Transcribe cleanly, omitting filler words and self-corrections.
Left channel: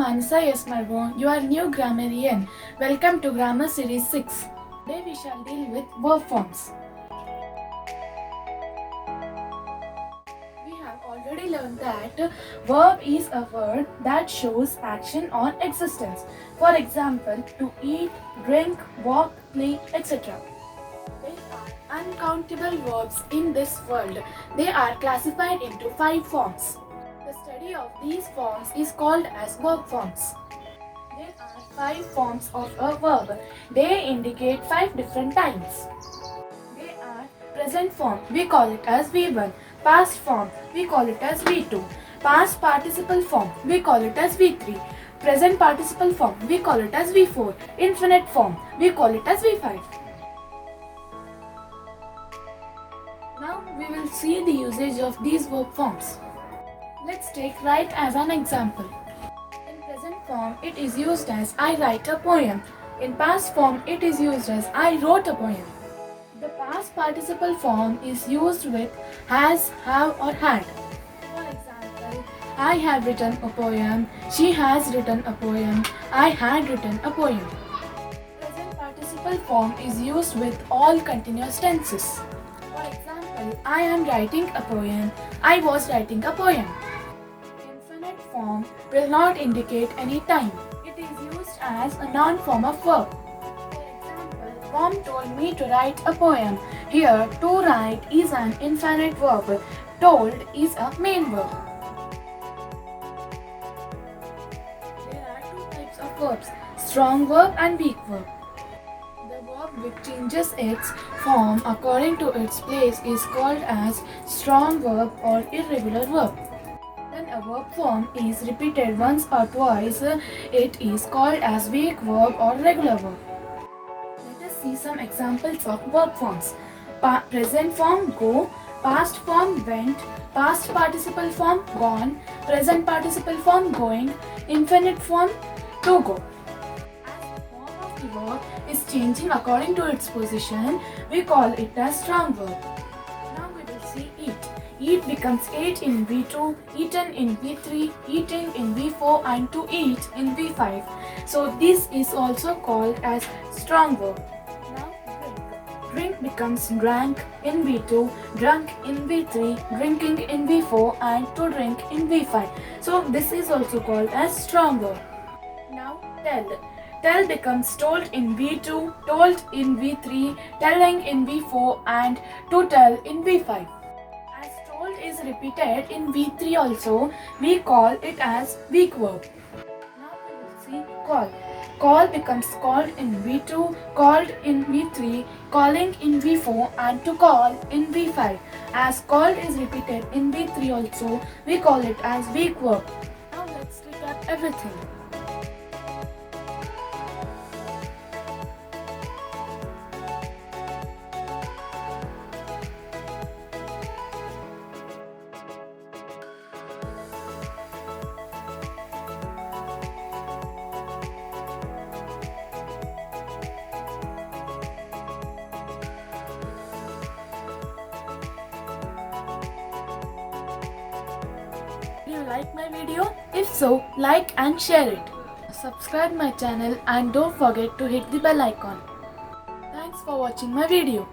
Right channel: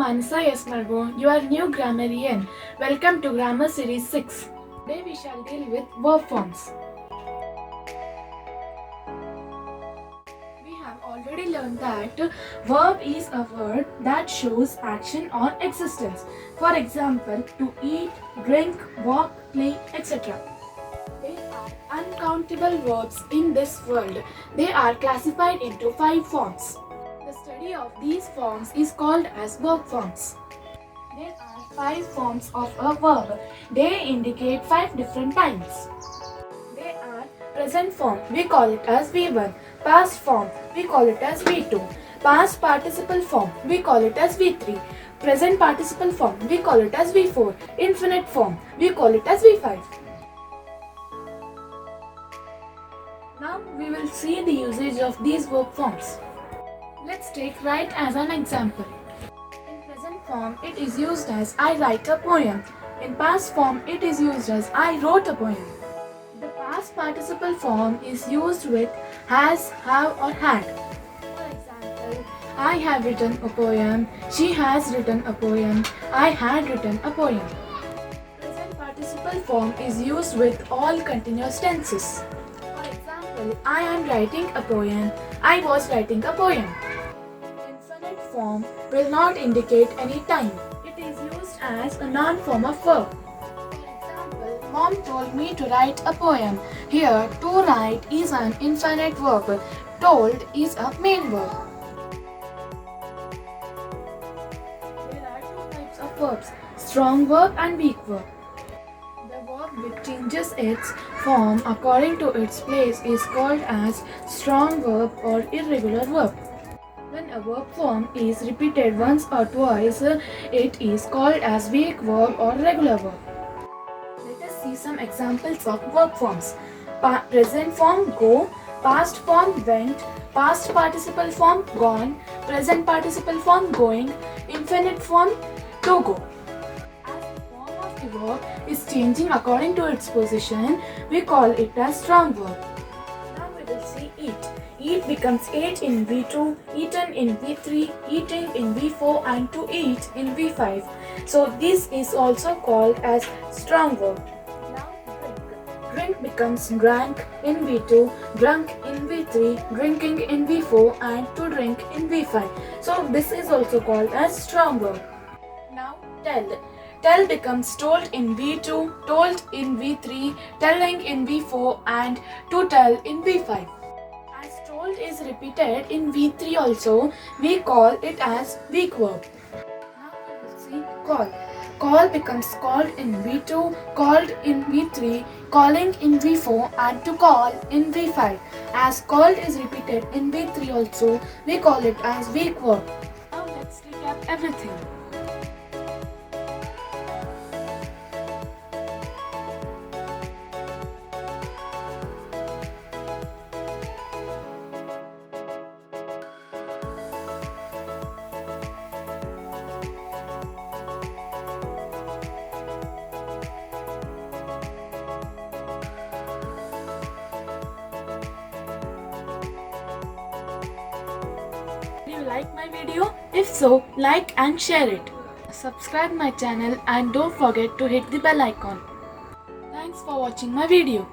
Manasa S. Margo, your new grammarian. Welcome to Grammar Series 6. Today we shall deal with verb forms. We have already learned that verb is a word that shows action or existence. For example, to eat, drink, walk, play, etc. There are uncountable verbs in this world. They are classified into 5 forms. The study of these forms is called as verb forms. There are 5 forms of a verb. They indicate 5 different times. They are present form, we call it as V1. Past form, we call it as V2. Past participle form, we call it as V3. Present participle form, we call it as V4. Infinite form, we call it as V5. Now we will see the usage of these verb forms. Let's take write as an example. In present form, it is used as I write a poem. In past form, it is used as I wrote a poem. The past participle form is used with has, have or had. For example, I have written a poem, she has written a poem, I had written a poem. Present participle form is used with all continuous tenses. For example, I am writing a poem, I was writing a poem. Infinite form will not indicate any time. It is used as a noun form of verb. For example, Mom told me to write a poem. Here, to write is an infinite verb. Told is a main verb. There are 2 types of verbs, strong verb and weak verb. The verb which changes its form according to its place is called as strong verb or irregular verb. When a verb form is repeated once or twice, it is called as weak verb or regular verb. Let us see some examples of verb forms. Present form go, past form went, past participle form gone, present participle form going, infinite form to go. As the form of the verb is changing according to its position, we call it as strong verb. Now we will see eat. Eat becomes ate in V2, eaten in V3, eating in V4 and to eat in V5. So this is also called as strong verb. Now drink. Drink becomes drank in V2, drunk in V3, drinking in V4 and to drink in V5. So this is also called as strong verb. Now tell. Tell becomes told in V2, told in V3, telling in V4 and to tell in V5. Told is repeated in V3 also, we call it as weak verb. Now we will see call. Call becomes called in V2, called in V3, calling in V4 and to call in V5. As called is repeated in V3 also, we call it as weak verb. Now let's recap everything. Do you like my video? If so, like and share it. Subscribe my channel and don't forget to hit the bell icon. Thanks for watching my video.